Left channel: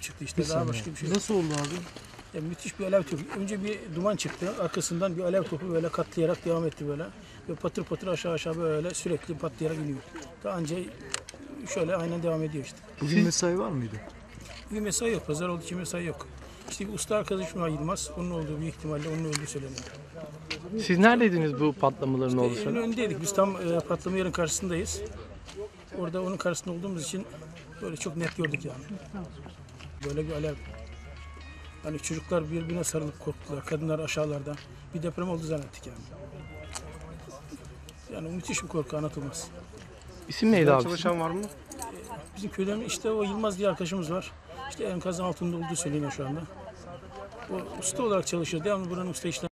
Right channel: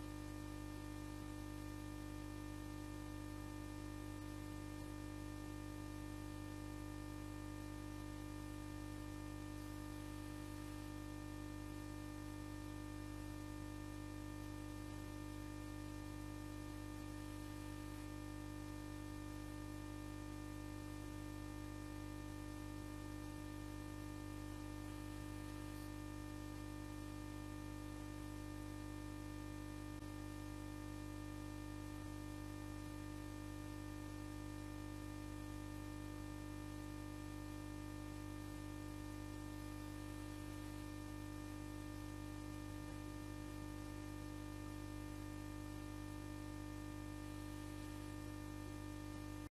Çıktı işte daha başka bir şey. Nasıl oldu abi? Ya müthiş bir alev topu. Önce bir duman çıktı. Arkasından bir alev topu böyle katlayarak devam etti böyle. Ve patır patır aşağı aşağı böyle sürekli patlayarak iniyor. Daha önce şöyle aynen devam ediyor işte. Bugün mesai var mıydı? Bir mesai yok. Pazar olduğu için mesai yok. İşte bir usta arkadaşım var Yılmaz. Onun olduğu büyük ihtimalle onun öldüğü söyleniyor. Siz neredeydiniz bu patlamaların olduğu En sırada? önündeydik. Biz tam e, patlama yerin karşısındayız. Orada onun karşısında olduğumuz için böyle çok net gördük yani. Böyle bir alev. Yani çocuklar birbirine sarılıp korktular. Kadınlar aşağılarda. Bir deprem oldu zannettik yani. Yani müthiş bir korku anlatılmaz. İsim neydi abi? Çalışan var mı? Bizim köyden işte o Yılmaz diye arkadaşımız var. İşte enkazın altında olduğu söyleniyor şu anda. O usta olarak çalışıyor. Devamlı buranın usta işlem